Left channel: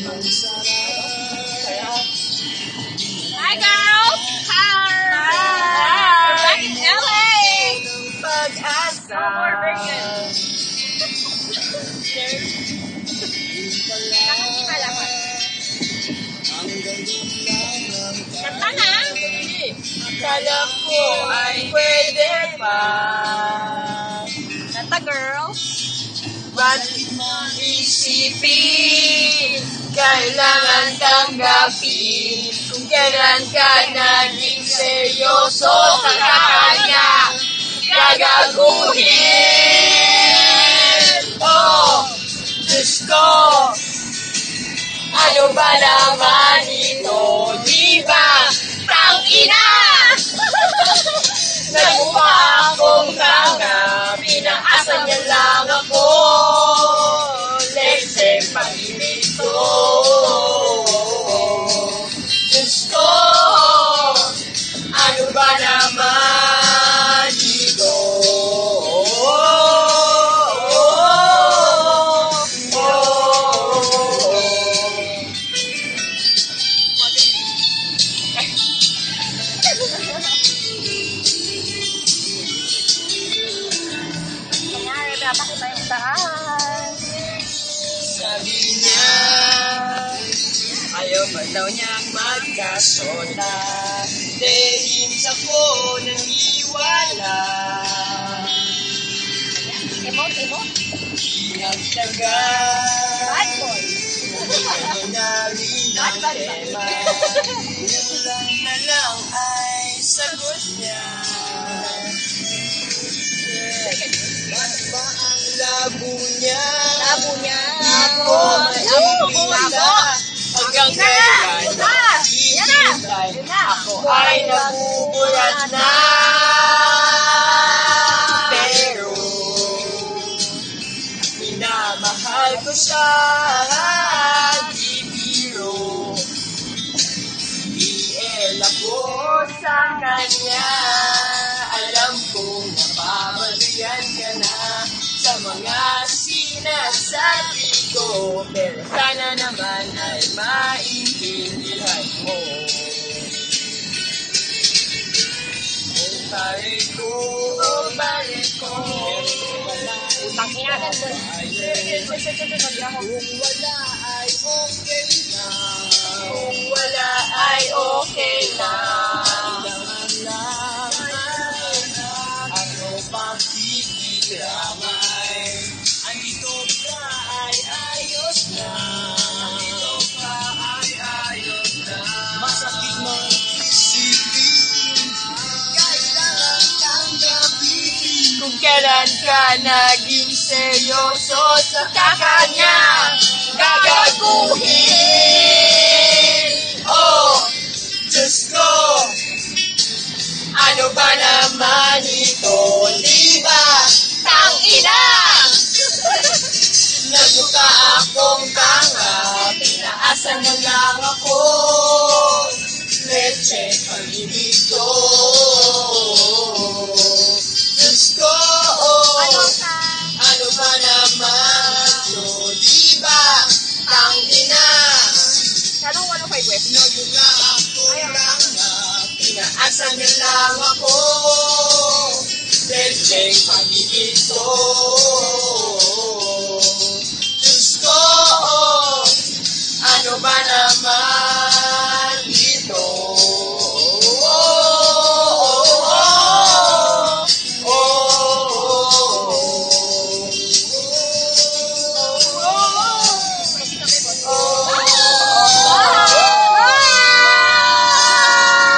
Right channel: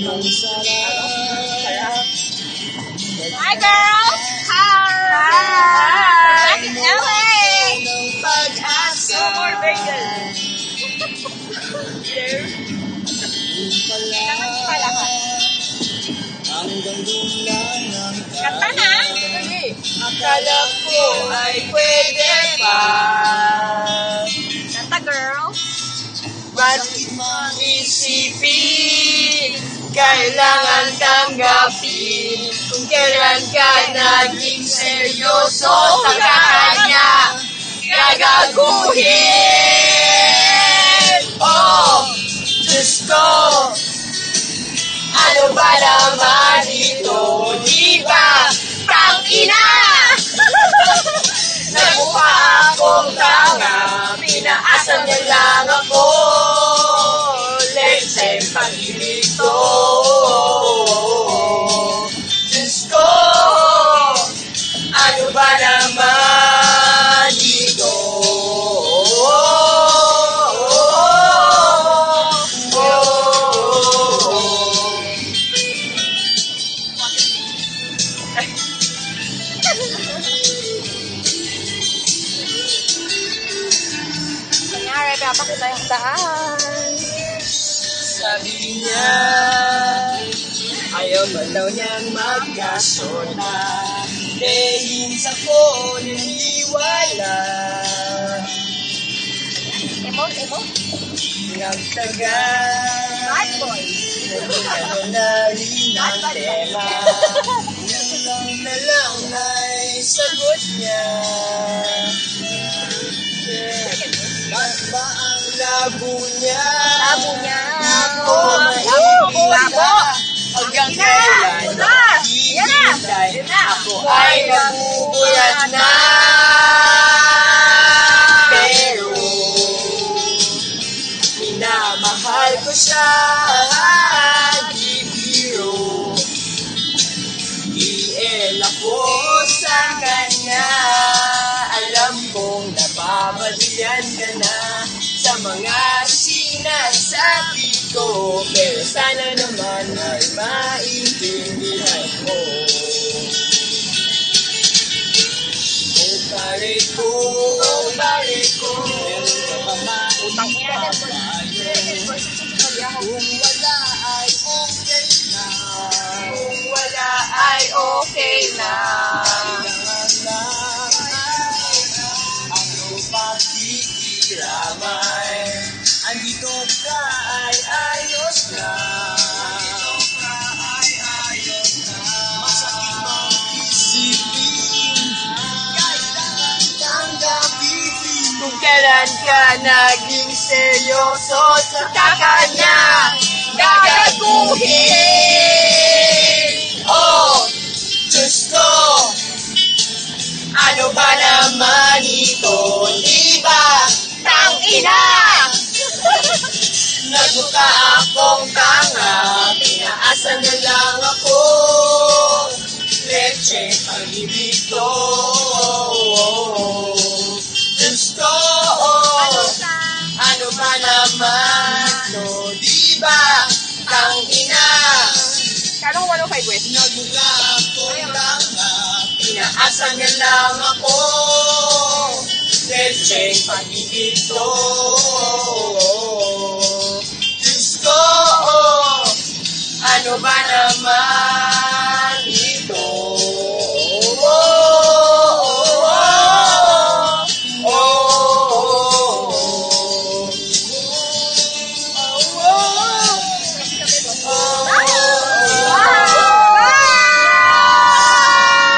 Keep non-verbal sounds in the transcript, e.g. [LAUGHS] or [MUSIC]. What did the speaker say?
Hi, girls! Hi! Hi! Back in LA! Ka. Hanggang dulang ng Kanta na! Akala ko ay pwede pa Kanta, girls! Bakit mang isipin tanggapin Kung kailan ka naging seryoso Sa kanya? Gagaguhin. Oh, Diyos ko. Ano ba naman ito? Di ba? Tang ina [LAUGHS] Nagmukha akong tanga. Pinaasan niya niya, ayaw ba daw niyang magkasota? Dahil sa ko naniwala. Emote, emote. Nagtaga, Bad boy. ano na rin ang tema. Kulang na lang ay sagot niya. Ba't ba ang labo niya? Ay nabubulat na Pero Minamahal ko siya Di biro Iel ako sa kanya. Alam kong napapalian ka na Sa mga sinasabi ko. Pero sana naman ay maintindihan mo Kung wala ay okay na. Kung wala ay okay kailan ka naging seryoso sa kakanya. Gagaguhin. Oh, Diyos ko. Ano ba naman ito, di ba? Tang ina! [LAUGHS] Nagmukha akong tanga Pinaasa na lang ako. Leche pag-ibig ko Kanong 105 West? Nagmukha akong tanga Pinaasa niya lang ako Leche pag-ibig ko